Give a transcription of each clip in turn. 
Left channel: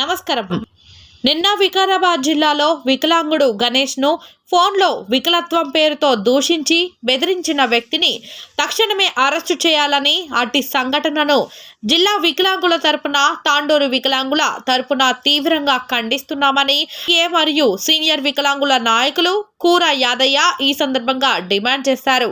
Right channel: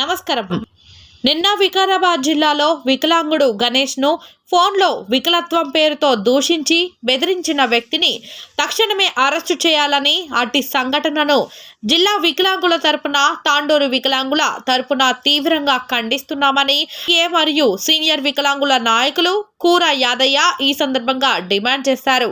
నమస్కారం. నిన్న వికారాబాద్ జిల్లాలో వికలాంగుడు గణేష్ను ఫోన్లో వికలత్వం పేరుతో దూషించి బెదిరించిన వ్యక్తిని తక్షణమే అరెస్టు చేయాలని అట్టి సంఘటనను జిల్లా వికలాంగుల తరపున తాండూరు వికలాంగుల తరపున తీవ్రంగా ఖండిస్తున్నామని ఏ మరియు సీనియర్ వికలాంగుల నాయకులు కూర యాదయ్య ఈ సందర్భంగా డిమాండ్ చేశారు.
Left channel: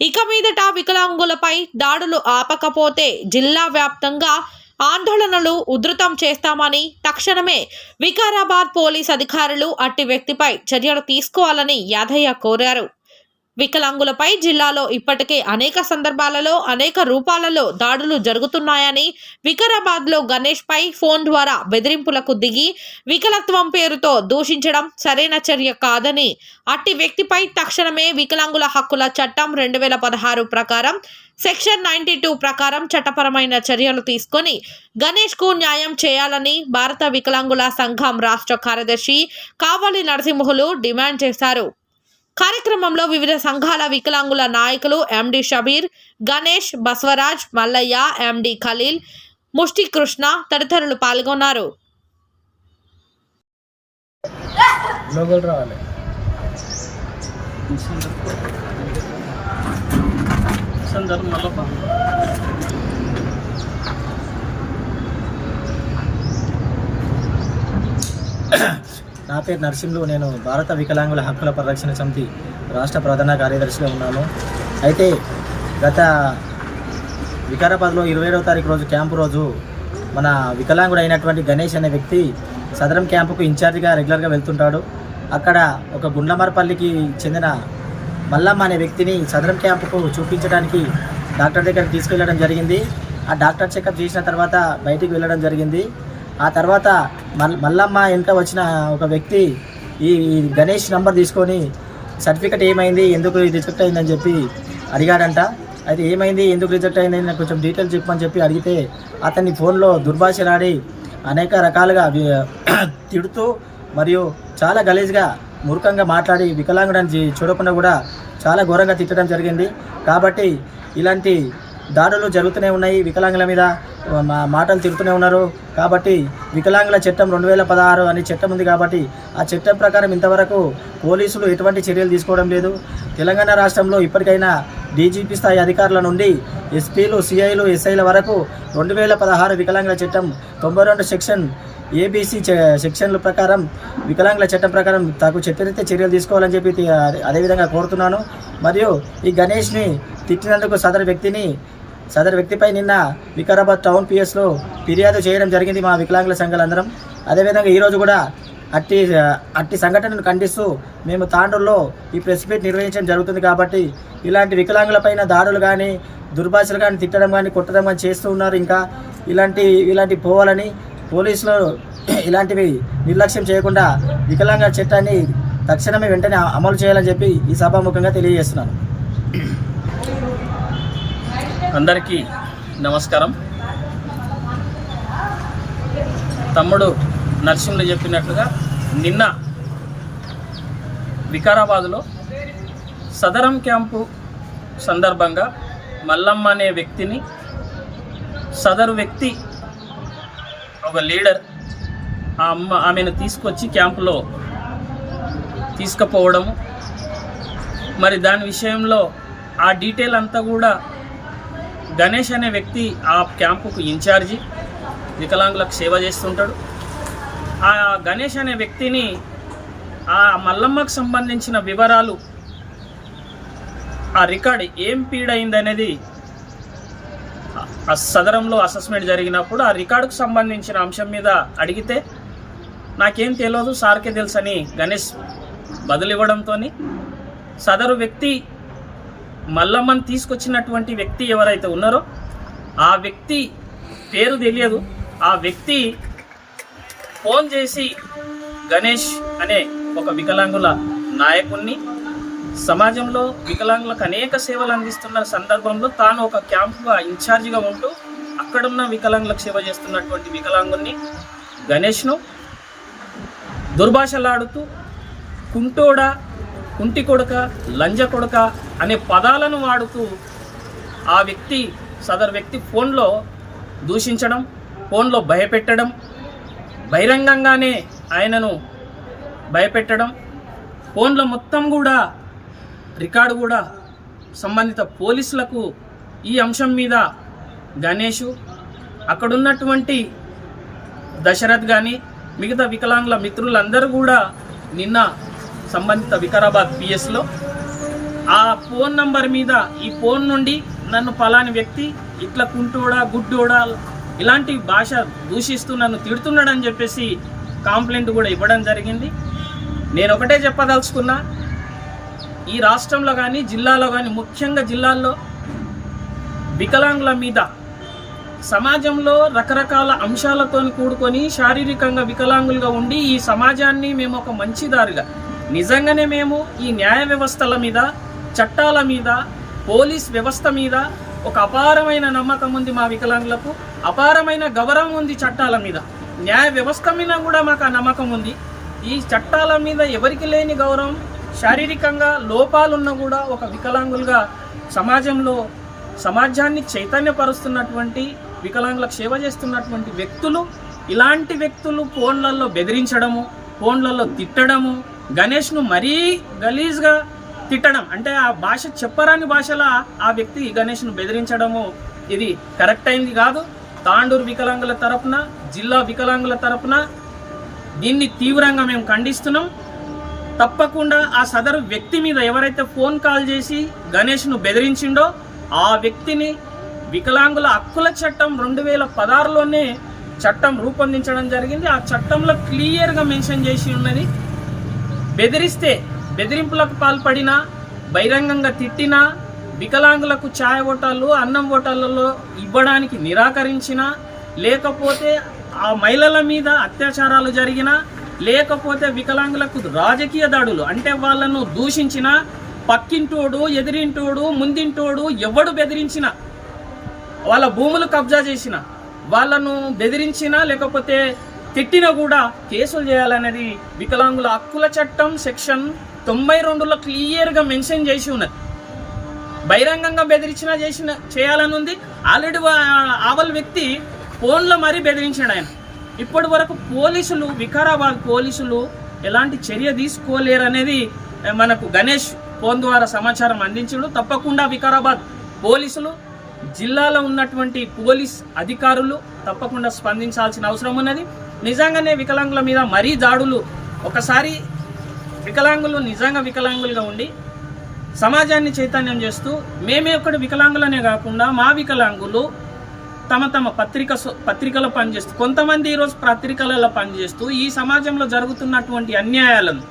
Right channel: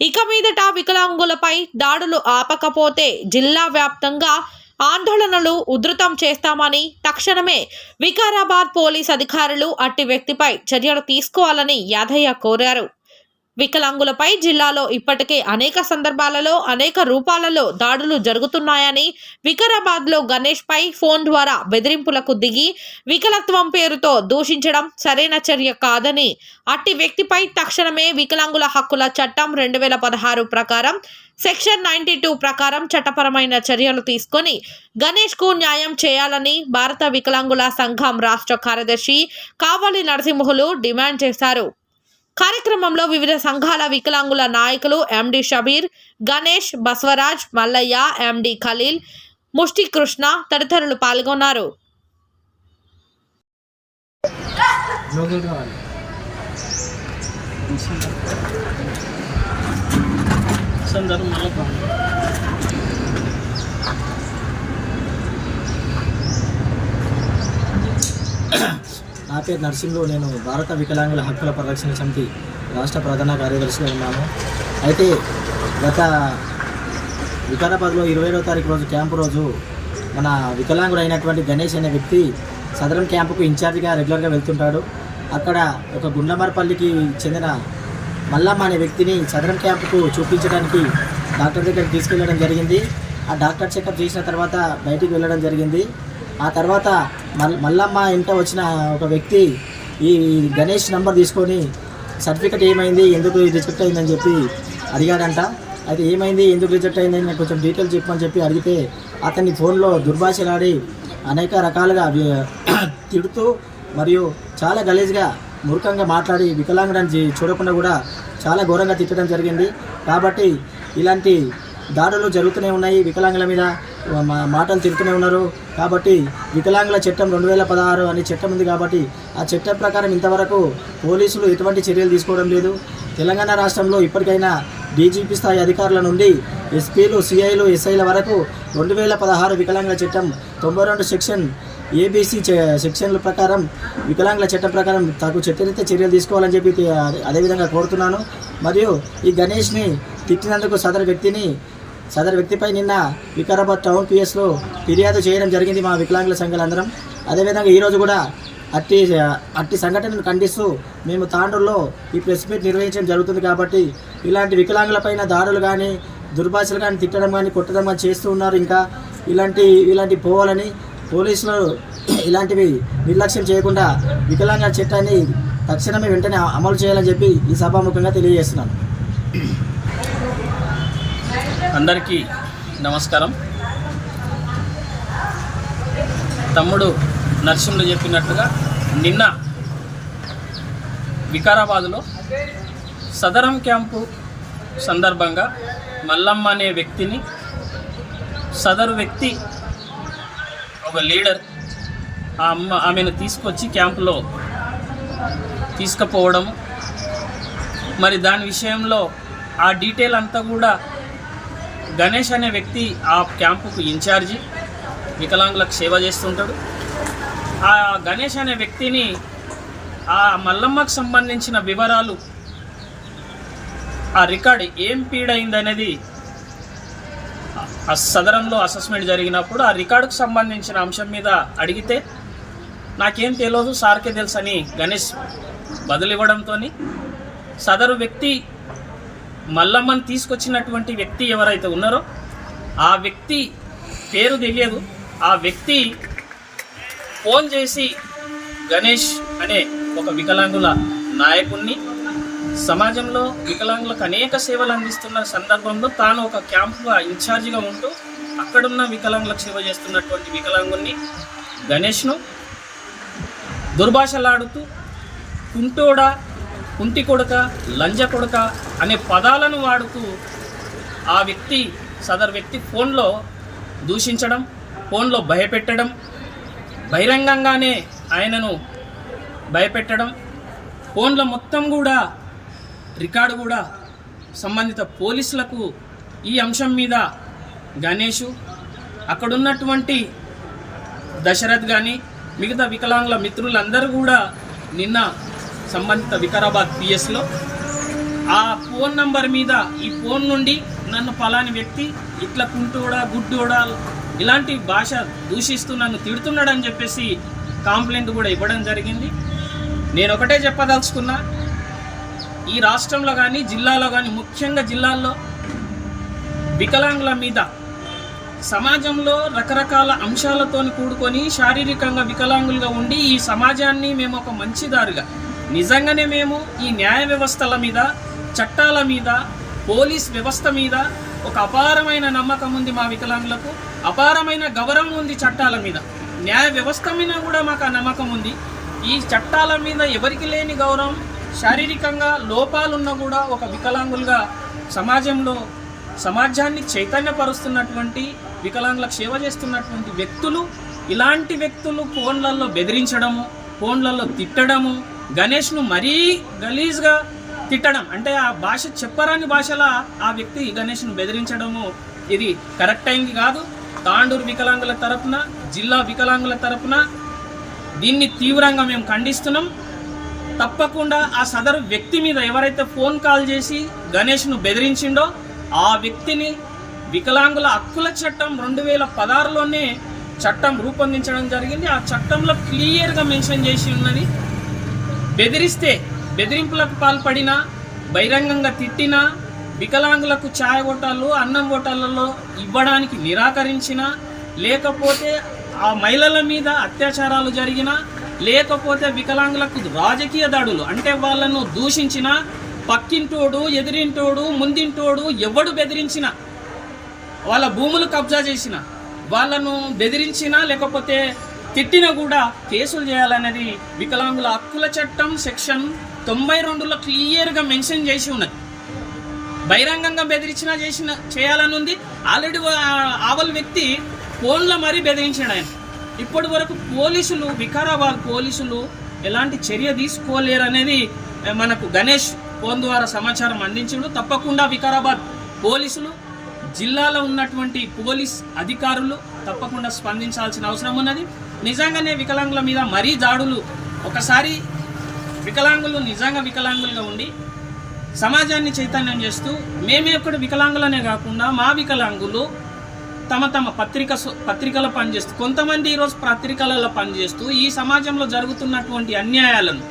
ఇక మీదట వికలాంగులపై దాడులు ఆపకపోతే జిల్లా వ్యాప్తంగా ఆందోళనలు ఉధృతం చేస్తామని తక్షణమే వికారాబాద్ పోలీస్ అధికారులు అట్టి వ్యక్తిపై చర్యలు తీసుకోవాలని యాదయ్య కోరారు. వికలాంగులపై జిల్లాలో ఇప్పటికే అనేక సందర్భాలలో అనేక రూపాలలో దాడులు జరుగుతున్నాయని వికారాబాద్లో గణేష్పై ఫోన్ ద్వారా బెదిరింపులకు దిగి వికలత్వం పేరుతో దూషించడం సరైన చర్య కాదని అట్టి వ్యక్తిపై తక్షణమే వికలాంగుల హక్కుల చట్టం రెండు వేల పదహారు ప్రకారం సెక్షన్ నైన్టీ టూ ప్రకారం చట్టపరమైన చర్యలు తీసుకొని గణేష్కు న్యాయం చేయాలని భారత వికలాంగుల సంఘం రాష్ట్ర కార్యదర్శి కావలి నరసింహులు డిమాండ్ చేశారు. కార్యక్రమంలో వివిధ సంఘాల వికలాంగుల నాయకులు ఎండి షబీర్ గణేష్ బస్వరాజ్ మల్లయ్య ఎండి ఖలీల్ ముష్టి కృష్ణ తదితరులు పాల్గొన్నారు. లోకల్ రావాలి మళ్ళీ నా పేరు నరసింహులు. నేను భారత వికలాంగుల హక్కుల పరిరక్షణ సమితి రాష్ట్ర ప్రధాన కార్యదర్శిగా ఉన్నాను. అయితే గత వికారాబాద్లో ఇరవై ఏడవ తారీఖు రోజు క్యాంపు రోజు మన వికలాంగుడు అయినటువంటి గణేష్ అనే వ్యక్తి సదరం క్యాంపుకు ఇన్ఛార్జిగా రెగ్యులర్గా వెళ్తుంటాడు. అక్కడ ఒక గుండ్లమరపల్లికి చెందిన మల్లమ్మ అనే వ్యక్తిని సదరం క్యాంపుకు చూపించడానికి డాక్టర్ దగ్గరికి తీసుకెళ్ళడం జరిగింది. ఆ డాక్టర్ చెకప్ చేసిన తర్వాత బయటికి వెళ్ళడం జరిగింది. ఆ తర్వాత మల్లమ్మ వెంట వచ్చిన ఒక వ్యక్తి ఈ గణేష్ నంబర్ తీసుకొని సర్టిఫికెట్ ఏమైంది? ఎందుకు రిజెక్ట్ అయిందని చెప్పి అడిగాడంట. అయితే ఏమైంది? ఎందుకు రిజెక్ట్ అయిందని నాకు కొంచెం డీటెయిల్స్ చెప్పమని చెప్పి అడిగితే అతన్ని ఫోన్లో దుర్భాషలాడి అనేక రకాలుగా తిడుతూ మరియు చాలా గలీజ్గా మూర్ఖంగా మాట్లాడి వికలాంగుడని చూడకుండా కూడా చాలా ఘోరంగా తిట్టడం జరిగింది. కాబట్టి ఇలాంటి దాడులు జరుగుతూనే ఉన్నాయి. వికలాంగుల మీద మా మాటలు తిరుగుతూనే ఉన్నారు. కాబట్టి వికలాంగుల చట్టం రెండు వేల పదహారు అనే చట్టం ఉంది కాబట్టి ఆ చట్టం ప్రకారం ఇంతవరకు పోలీసులు ఎటువంటి చర్యలు తీసుకోవడం లేదు. తెలంగాణ రాష్ట్రంలో ఇప్పటికైనా డీజీపీ స్థాయి అధికారుల నుండి ఎస్పీలు సిఐలు ఎస్ఐల వరకు రెండు వేల పదహారు వికలాంగుల చట్టం తొంభై రెండు సెక్షన్ ఏబీసీ సెక్షన్ల ప్రకారం వికలాంగుల చట్టం ప్రకారం తగు చట్టరీత్యా చర్యలు తీసుకోవాలని చెప్పి అదే- అదేవిధంగా కోరుతున్నాను. మరియు ఈ గణేష్ని తిట్టినందుకు సదరు వ్యక్తిని సదరు వ్యక్తిపై నిన్న వికారాబాద్ టౌన్ పిఎస్లో ఫిర్యాదు చేయడం జరిగింది మా వికలాంగుల సంఘాలందరం. అదేవిధంగా ఈరోజు కూడా అట్టి అట్టి సంఘటనను ఖండిస్తూ మేము తాండూరులో ఈ ప్రెస్ మీట్ నిర్వహించడం జరుగుతుంది కాబట్టి ఇలాంటి వికలాంగులపైన దాడులు కానీ దుర్భాషలు కానీ తిట్టడం కానీ కొట్టడం కానీ చేస్తూ ఉన్నారు. ఇంకా ఇలాంటి ఇలాంటి పోవాలని పోలీసులు ఇలాంటివి నిర్లక్ష్యం చేయకుండా వికలాంగ చట్టాన్ని తక్షణమే వెంటనే అమలు చేయాలని చెప్పి ఈ సభాముఖంగా తెలియజేస్తున్నాను. అందరికీ నమస్కారం. తమ్ముడు నరసింహులు చెప్పినట్లుగా నిన్న వికారాబాదులో సదరం క్యాంపు సందర్భంగా మల్లమ్మ అనే వ్యక్తిని సదరు వ్యక్తి ఒక లీడర్ ఆ అమ్మ ఆమెను తీసుకొచ్చి క్యాంపులో తీసుకుపోవడము. మరి దాని విషయంలో ఆ డీటెయిల్ అంతా కూడా గణేష్ అనే వ్యక్తి ఆ క్యాంపుకు ఇన్ఛార్జి వికలాంగులకు సేవ చేస్తుంటాడు. ఆ గణేష్ అనే వ్యక్తిని ఆ మల్లమ్మకు సంబంధించిన వివరాలు ఆ రికార్డ్ ఏం పీడైందనేది సదరంలో అసెస్మెంట్ జరిగినప్పుడు ఆ రికార్డుకు సంబంధించిన అంశం మీద అడిగితే నాకేం తెలియదు సార్కే తెలుసు అని గణేష్ బదులివ్వడంతో సదరు వ్యక్తి మల్లమ్మని తీసుకొచ్చినటువంటి వ్యక్తి ఎవరైతే ఉన్నారో ఆ వ్యక్తి పేరు తెలియదు. ఆ వ్యక్తి ఫోన్ చేసి గణేష్ అనే ఒక వికలాంగుల నాయకుణ్ణి సమాజంలో వికలాంగులకు అనేక సేవలు అందిస్తున్న సందర్భంలో తాను ఒక క్యాంపుగా ఇన్ఛార్జిగా ఉంటూ అక్కడున్న వికలాంగులకు సేవ చేస్తున్నటువంటి వికలాంగుణ్ణి గణేష్ను దుర్భాషలాడుతూ కుంటోడ కుంటి కొడక లంజ కొడక అనే పదాలను వాడుతూ ఆ వ్యక్తి సదరు వ్యక్తి ఫోన్లో దూషించడం ఫోన్లో భయపెట్టడం బహిరంగంగానే ఆయనను భయపెట్టడం ఫోన్లో మొత్తం కూడా రికార్డు కూడా సంబంధిత పోలీసులకు ఈ అంశం మీద గణేషు అక్కడున్నటువంటి దశరథ్ కానీ మిగతా వికలాంగుల మిత్రులందరూ కూడా నిన్న సంబంధిత వికారాబాద్ పిఎస్లో. ఆ ఫోన్ నంబర్ మీద ఈ ఫోన్ నుండి నన్ను పలాని వ్యక్తి ఇట్లా కుంటోడా గుడ్డోడా ఇలాంటి భాష దూషిస్తూ నన్ను తిడుతున్నాడని చెప్పేసి కాంప్లైంట్ కూడా ఇవ్వడం జరిగింది. నేను ఒకటే చెప్పదలుచుకున్నా ఈ రాష్ట్రంలో కానీ జిల్లాలో కానీ ముఖ్యంగా జిల్లాల్లో వికలాంగుల మీద సమాజంలో రకరకాల అంశాలతో కూడుకొని శారీరకంగా వికలాంగులుగా ఉండి ఈ సమాజాన్ని మేము ఒక మంచిదారుగా నిజంగానే మేము ఈ న్యాయ వ్యవస్థల మీద చట్టాల మీద పోలీస్ వ్యవస్థ మీద ఒక అపారమైన నమ్మకం ఉంది మా వికలాంగులకు అపారమైన గౌరవం ఉంది చట్టాల మీద. న్యాయ వ్యవస్థ మీద కూడా మాకు ఆ నమ్మకం ఉంది. ఈ చట్టాల మీద ఎవరికి లేని గౌరవం శారీరకంగా లోపాలున్నా కూడా ఒక వికలాంగులుగా సమాజంలో సమాజాన్ని చైతన్యపరుస్తున్నటువంటి వికలాంగులకు సేవ చేస్తున్నటువంటి వ్యక్తులు ఇలాంటి వ్యక్తులు ఫోన్లలో బెదిరించడము ఫోన్లలో తిట్టడము గణేష్ను మరీ గలీజ్గా తిట్టడం. అంటే ఆ భాష చెప్పరాని భాషలా ఆ వ్యక్తి గణేష్ను బెదిరించడము ఇది కరెక్ట్ అయింది కాదు. తాండూరు వికలాంగుల తరపున జిల్లా వికలాంగుల తరపున దీన్ని తీవ్రంగా మేము ఖండిస్తున్నాం. తప్పకుండా ఆ సదరు వ్యక్తి మీద ఎవరైతే ఫోన్ కాల్ చేసి గణేష్ను బెదిరించిండో ఆ వ్యక్తిని వికలాంగుల హక్కుల చట్టం రెండు వేల పదహారులోనే చట్టం రూపొందించడం జరిగింది. ఆ చట్టంలో క్లియర్గా మెన్షన్ చేసి ఉన్నది బెదిరిస్తే బెదిరింపులకు పాల్పడినా బహిరంగంగా తిట్టినా వికలాంగులకు ఛాయ ఓటాలు అన్నం ఓటాలలో ఇవ్వడానికి నిరాకరించిన లేకపోతే ఆ మహిళల మీద అత్యాచారాలు జరిగినా లేకపోతే వికలాంగులకు రాజకీయ దాడులు అంటే వాళ్ళను దూషించిన పక్కింటోడు ఎదిరింటోడు ముందింటోడు ఎవడు బెదిరించిన వాళ్ళ భూములు కబ్జా చేసిన వాళ్ళను బెదిరించినా లేకపోతే తిట్టినా కూడా కేసులు చేయాలనేది వికలాంగుల హక్కుల చట్టం సెక్షన్ తొంభై రెండులో క్లియర్గా మెన్షన్ చేసి ఉన్నది. బహిరంగంగా బెదిరించినా చేసిన చేయాలని ఉంది ఆల్రెడీ ఆవల్ వ్యక్తి ఫోన్లో మరీ బెదిరించాడు ఆయన. ఇప్పటి వరకు పోలీసులు వికారాబాద్ పోలీసులు ఎలాంటి చర్య తీసుకోలేరు అనేది మనకు గణేష్ ఫోన్ ద్వారా సమాచారం అందించడు. తప్పకుండా వికారాబాద్ పోలీసులు జిల్లాలో ఉన్నటువంటి పోలీస్ అధికారులు తప్పకుండా స్పందించాల్సిన అవసరం ఉన్నది. నిజంగానే వికలాంగుల మీద మరీ దాడులు. ఒకసారి వికలాంగులు నిజంగా వికలాంగులుగా ఉండి సమాజాన్ని చైతన్యం చేస్తూ మేమే ఒకటి వికలాంగులనే కాకుండా మా వికలాంగులు తమ తమ పత్రిక పత్రికలో పనిచేస్తూ కొంతమంది ఈరోజు పత్రికలలో పనిచేస్తూ ఈ సమాజంలో జరుగుతున్నటువంటి అన్యాయాలను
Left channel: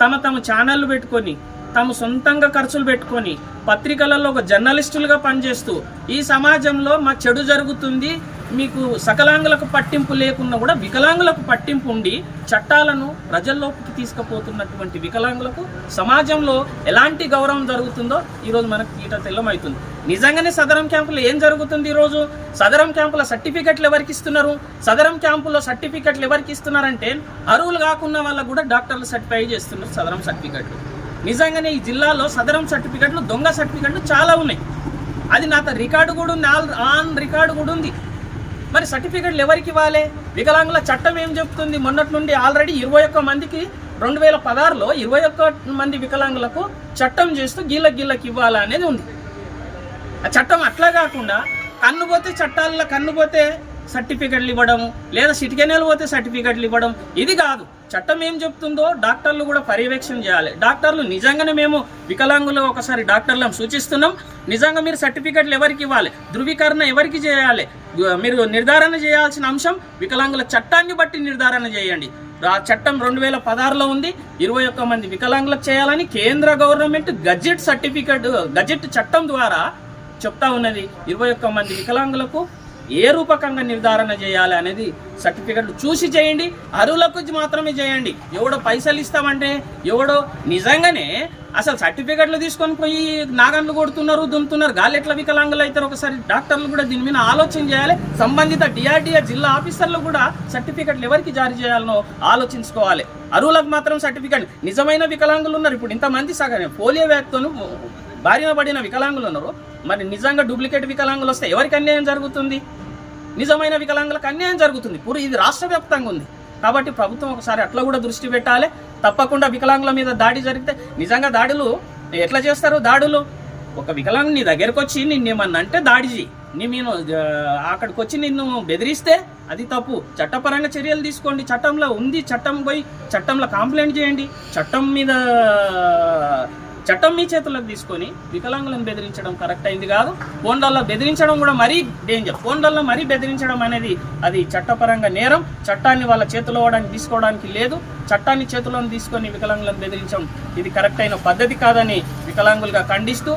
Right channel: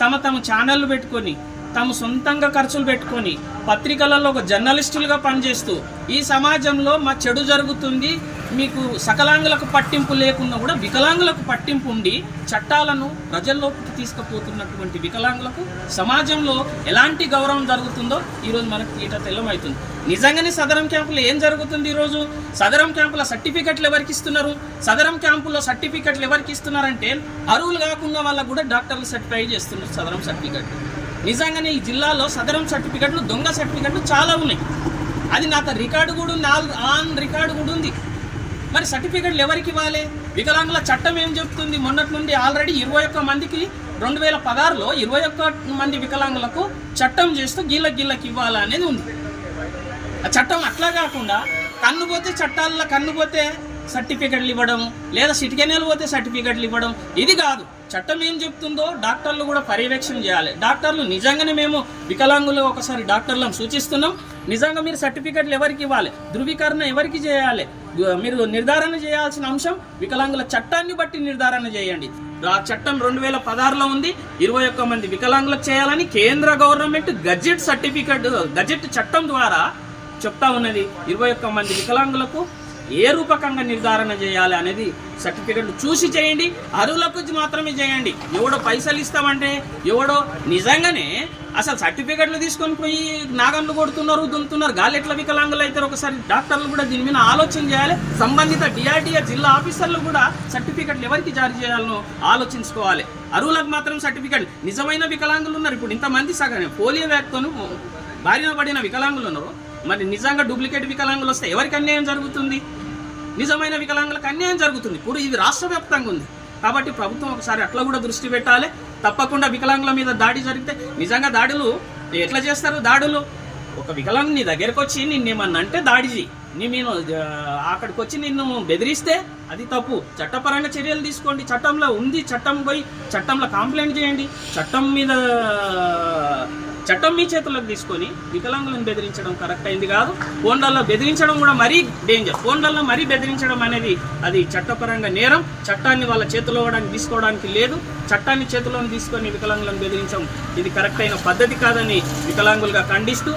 తమ తమ ఛానళ్ళు పెట్టుకొని తమ సొంతంగా ఖర్చులు పెట్టుకొని పత్రికలలో ఒక జర్నలిస్టులుగా పనిచేస్తూ ఈ సమాజంలో మా చెడు జరుగుతుంది మీకు సకలాంగులకు పట్టింపు లేకున్నా కూడా వికలాంగులకు పట్టింపు ఉండి చట్టాలను ప్రజల్లోకి తీసుకుపోతున్నటువంటి వికలాంగులకు సమాజంలో ఎలాంటి గౌరవం జరుగుతుందో ఈరోజు మనకు ఈట తెల్లమవుతుంది నిజంగానే సదరం క్యాంపులో ఏం జరుగుతుంది ఈరోజు? సదరం క్యాంపుల సర్టిఫికెట్లు ఎవరికి ఇస్తున్నారు? సదరం క్యాంపులో సర్టిఫికెట్లు ఎవరికి ఇస్తున్నారంటే అరువులు కాకుండా వాళ్ళకు కూడా డాక్టర్లు సర్టిఫై చేస్తున్నారు సదరం సర్టిఫికెట్లు. నిజంగానే ఈ జిల్లాలో సదరం సర్టిఫికెట్లు దొంగ సర్టిఫికెట్లు చాలా ఉన్నాయి. అది నాతో రికార్డు కూడా ఉంది ఆల్ ఆన్ రికార్డు కూడా ఉంది. మరి సర్టిఫికెట్లు ఎవరికి ఇవ్వాలి? వికలాంగుల చట్టం ఏం చెప్తుంది? మొన్నటి నుండి ఆల్రెడీ ఇరవై ఒక్క మందికి రెండు వేల పదహారులో ఇరవై ఒక్క మంది వికలాంగులకు చట్టం చేస్తూ గీళ్ళ గీళ్ళకి ఇవ్వాలా అనేది ఉంది. ఆ చట్టం అట్లా కాకుండా కన్ను పోతే చట్టాల్లో కన్ను పోతే సర్టిఫికెట్లు ఇవ్వడం లేదా సిటికెనీలు పోతే సర్టిఫికెట్లు ఇవ్వడం ఇది కాదు. చట్టం ఏం చెప్తుందో డాక్టర్లు కూడా పర్యవేక్షణ చేయాలి. డాక్టర్లు నిజంగానే మేము వికలాంగులు ఒకసారి డాక్టర్లను సూచిస్తున్నాం. నిజంగా మీరు సర్టిఫికెట్లు ఎవరికి ఇవ్వాలి? ధృవీకరణ ఎవరికి చేయాలి? మీరు నిర్ధారణ చేయాల్సిన అంశం వికలాంగుల చట్టాన్ని బట్టి నిర్ధారణ చేయండి. ఆ చట్టం రెండు వేల పదహారులో ఉంది. ఇరవై ఒక్క మంది వికలాంగులకు చేయాలని కేంద్ర గవర్నమెంట్ గజెట్ సర్టిఫికెట్ గజెట్ చట్టం ద్వారా చెప్తా ఉన్నది. ఇరవై ఒక్క మంది వికలాంగులకు ఏ రూపకంగా నిర్ధారణ చేయాలి అనేది సర్టిఫికెట్లు చూసి చేయండి అరువులకు మాత్రమే చేయండి. ఎవడో పైసలు ఇస్తామంటే ఎవడో నిజంగానే అసలు సర్టిఫికెట్లు తీసుకొని పోయి నాగన్లు కొడుతున్నారు దున్నుతున్నారు గాలి ఎట్లా వికలాంగులు అవుతారు ఒకసారి డాక్టర్లు కూడా దీని మీద ఆలోచన చేయాలి. సంబంధిత డిఆర్డిఏ జిల్లా ఆఫీసర్లు కూడా సర్టిఫికెట్లు ఎవరికి జారీ చేయాలనో ఆలోచించుకోవాలి. అరువులకు మాత్రం సర్టిఫికెట్ నిజమైన వికలాంగులు ఉన్నారు. ఇప్పుడు ఇంతమంది సగం పోలియో వ్యాధితోను బారిన పడిన వికలాంగులు ఉన్నారు. మరి నిజంగా డూప్లికేట్ వికలాంగులు వస్తే ఎవరికి అన్యాయం జరుగుతుంది? నిజమైన వికలాంగులకు అన్యాయం జరుగుతుంది. ఇప్పుడు ఇది రాష్ట్ర వ్యాప్తంగా ఉంది. కాబట్టి ప్రభుత్వం ఒకసారి అట్లా కూడా దృష్టి పెట్టాలి. తప్పకుండా వికలాంగుల మీద దాడి జరిగితే నిజంగా దాడులు ఎట్లా చేస్తారు? దాడులు. ఒక వికలాంగు నీ దగ్గరకు వచ్చి నిన్ను ఏమన్నా అంటే దాడి చేయి నీ నేను అక్కడికి వచ్చి నిన్ను బెదిరిస్తే అది తప్పు. చట్టపరంగా చర్యలు తీసుకోండి. చట్టంలో ఉంది. చట్టం పోయి చట్టంలో కంప్లైంట్ చేయండి. చట్టం మీద చట్టం మీ చేతుల్లోకి తీసుకొని వికలాంగులను బెదిరించడం కరెక్ట్ అయింది కాదు. ఫోన్లలో బెదిరించడం కూడా మరీ డేంజర్ ఫోన్లలో మరీ బెదిరించడం అనేది అది చట్టపరంగా నేరం. చట్టాన్ని వాళ్ళ చేతిలో తీసుకోవడానికి లేదు. చట్టాన్ని చేతిలో తీసుకొని వికలాంగులను బెదిరించడం ఇది కరెక్ట్ అయిన పద్ధతి కాదని వికలాంగులుగా ఖండిస్తూ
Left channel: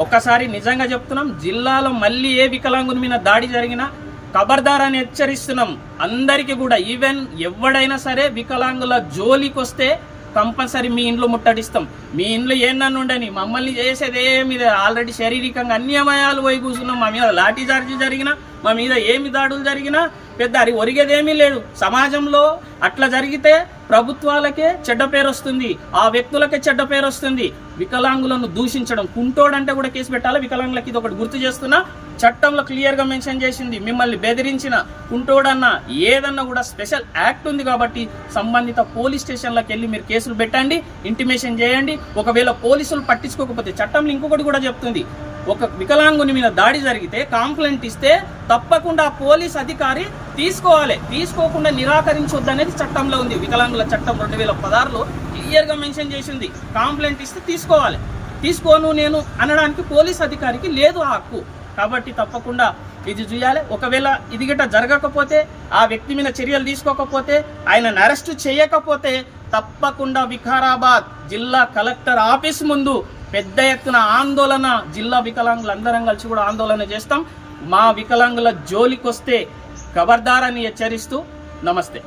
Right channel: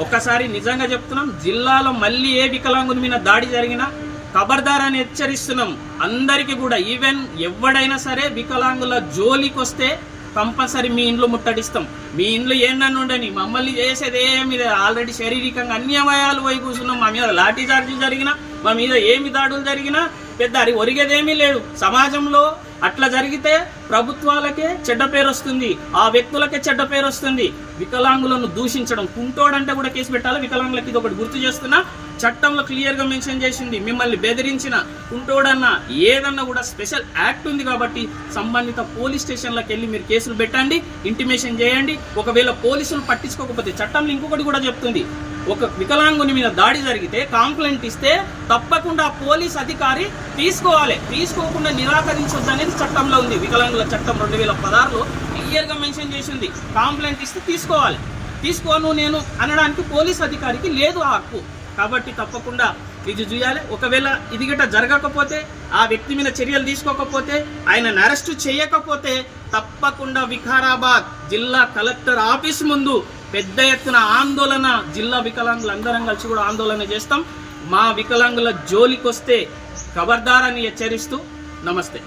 ఒక్కసారి నిజంగా చెప్తున్నాం. జిల్లాలో మళ్ళీ ఏ వికలాంగుల మీద దాడి జరిగినా ఖబర్దార్ అని హెచ్చరిస్తున్నాం. అందరికీ కూడా. ఈవెన్ ఎవడైనా సరే వికలాంగుల జోలికి వస్తే కంపల్సరీ మీ ఇంట్లో ముట్టడిస్తాం. మీ ఇంట్లో ఏందన్న ఉండని మమ్మల్ని చేసేది ఏమి ఆల్రెడీ శారీరకంగా అన్ని అమయాలు పోయి కూర్చున్నాం. మా మీద లాఠీ చార్జీ జరిగినా మా మీద ఏమి దాడులు జరిగినా పెద్ద అది ఒరిగేదేమీ లేదు. సమాజంలో అట్లా జరిగితే ప్రభుత్వాలకే చెడ్డ పేరు వస్తుంది. ఆ వ్యక్తులకే చెడ్డ పేరు వస్తుంది. వికలాంగులను దూషించడం. కుంటోడంటే కూడా కేసు పెట్టాలి? వికలాంగులకి ఇది ఒకటి గుర్తు చేస్తున్నా. చట్టంలో క్లియర్గా మెన్షన్ చేసింది. మిమ్మల్ని బెదిరించిన కుంటోడన్నా ఏదన్నా కూడా స్పెషల్ యాక్ట్ ఉంది కాబట్టి సంబంధిత పోలీస్ స్టేషన్లకు వెళ్ళి మీరు కేసులు పెట్టండి ఇంటిమేషన్ చేయండి. ఒకవేళ పోలీసులు పట్టించుకోకపోతే చట్టంలో ఇంకొకటి కూడా చెప్తుంది. ఒక వికలాంగుని మీద దాడి జరిగితే కాంప్లైంట్ ఇస్తే తప్పకుండా పోలీస్ అధికారి తీసుకోవాలి. తీసుకోకుండా నిరాకరించొద్దు అనేది చట్టంలో ఉంది. వికలాంగుల చట్టం రెండు వేల పదహారులో క్లియర్గా మెన్షన్ చేసింది. కాంప్లైంట్ ఇస్తే తీసుకోవాలి. తీసుకోను నేను అనడానికి పోలీస్ అధికారికి లేదు ఆ హక్కు. కాబట్టి తప్పకుండా ఇది చేయాలి. ఒకవేళ ఇది గిట్ట జరగకపోతే ఆ వ్యక్తి మీద చర్యలు తీసుకోకపోతే ఆయనను అరెస్టు చేయకపోతే తప్పకుండా వికారాబాద్ జిల్లా కలెక్టర్ ఆఫీస్ ముందు పెద్ద ఎత్తున ఆందోళన జిల్లా వికలాంగులు అందరం కలిసి కూడా ఆందోళన చేస్తాం. మా వికలాంగుల జోలికి వస్తే ఖబర్దారని హెచ్చరిస్తూ నమస్తే.